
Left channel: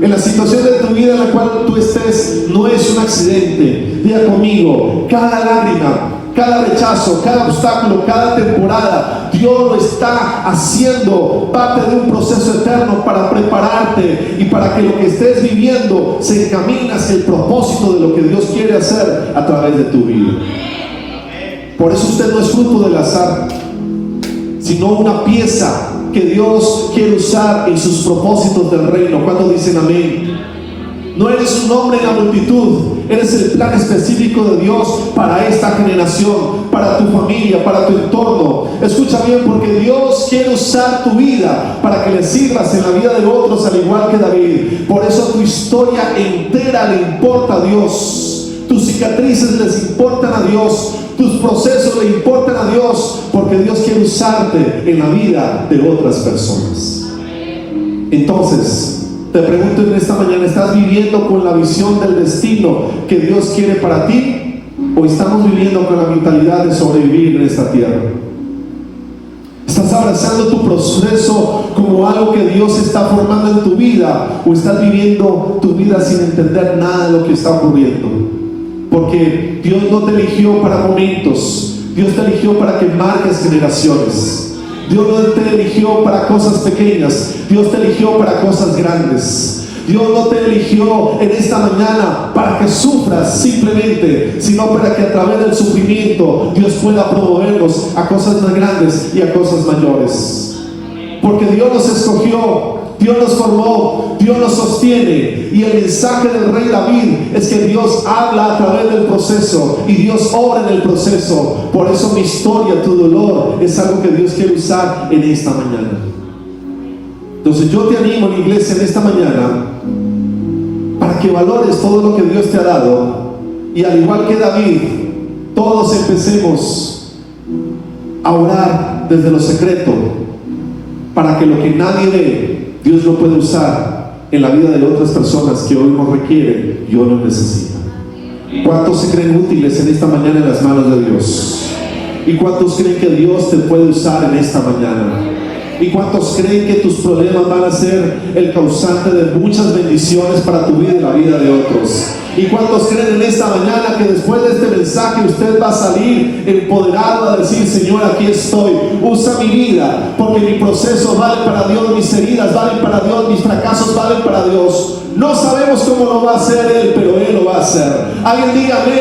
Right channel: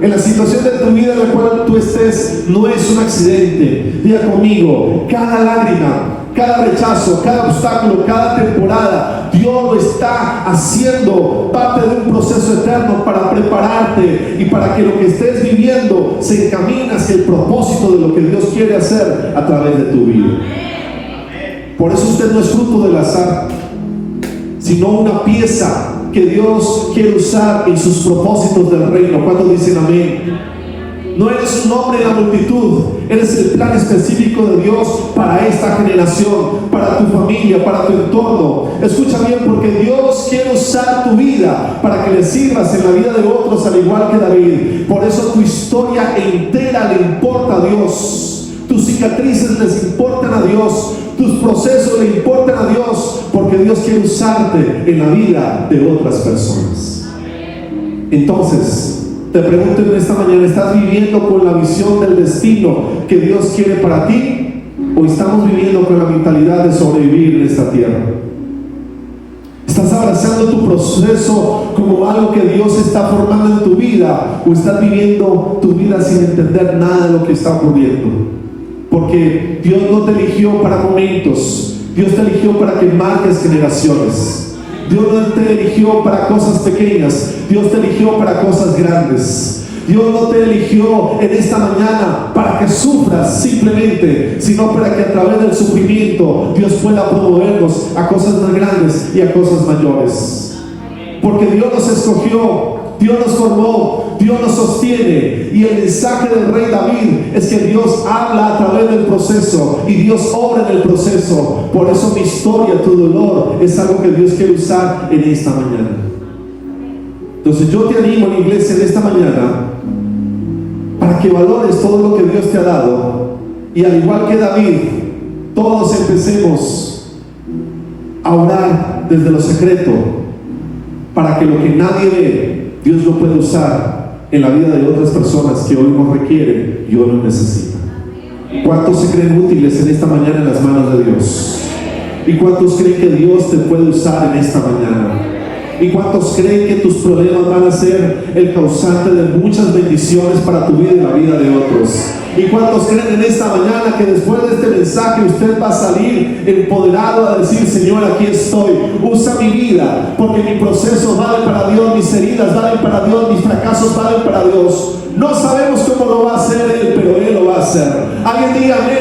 En la situación de tu vida en la cual tú estés no es un accidente. Diga conmigo, cada lágrima, cada rechazo, cada obstáculo, cada temporada, Dios lo está haciendo parte de un proceso eterno para prepararte y para que lo que estés viviendo se encamine hacia el propósito de lo que Dios quiere hacer a través de tu vida. Por eso usted no es fruto del azar, sino una pieza que Dios quiere usar en sus propósitos del reino. ¿Cuántos dicen amén? No eres un hombre en la multitud, eres el plan específico de Dios para esta generación, para tu familia, para tu entorno. Escucha bien, porque Dios quiere usar tu vida para que le sirvas en la vida de otros, al igual que David. Por eso tu historia entera le importa a Dios, tus cicatrices les importan a Dios, tus procesos le importan a Dios, porque Dios quiere usarte en la vida de otras personas. Entonces, te pregunto en esta mañana, ¿estás viviendo con la visión del destino que Dios quiere para ti? ¿O estamos viviendo con la mentalidad de sobrevivir en esta tierra? ¿Estás abrazando tu proceso como algo que Dios está formando en tu vida? ¿O estás viviendo tu vida sin entender nada de lo que está ocurriendo? Porque Dios no te eligió para momentos. Dios te eligió para que marques generaciones. Dios no te eligió para cosas pequeñas. Dios te eligió para cosas grandes. Dios no te eligió en esta mañana para que sufras simplemente, sino para que a través del sufrimiento Dios pueda promovernos a cosas más grandes y a cosas mayores. Porque Dios nos escogió, Dios nos formó, Dios nos sostiene. Y el mensaje del rey David es que Dios habla a través del proceso y Dios obra en el proceso. Por eso mi historia, tu dolor, es algo que Dios quiere usar en esta mañana. Entonces yo te animo, en iglesia, en esta mañana, para que valores todo lo que Dios te ha dado, y al igual que David, todos empecemos a orar desde lo secreto, para que lo que nadie ve, Dios lo pueda usar en la vida de otras personas que hoy no requieren y hoy no necesitan. ¿Cuántos se creen útiles en esta mañana en las manos de Dios? ¿Y cuántos creen que Dios te puede usar en esta mañana? ¿Y cuántos creen que tus problemas van a ser el causante de muchas bendiciones para tu vida y la vida de otros? ¿Y cuántos creen en esta mañana que después de este mensaje usted va a salir empoderado a decir: Señor, aquí estoy, usa mi vida, porque mi proceso vale para Dios, mis heridas valen para Dios, mis fracasos valen para Dios? No sabemos cómo lo va a hacer Él, pero Él lo va a hacer. Alguien diga amén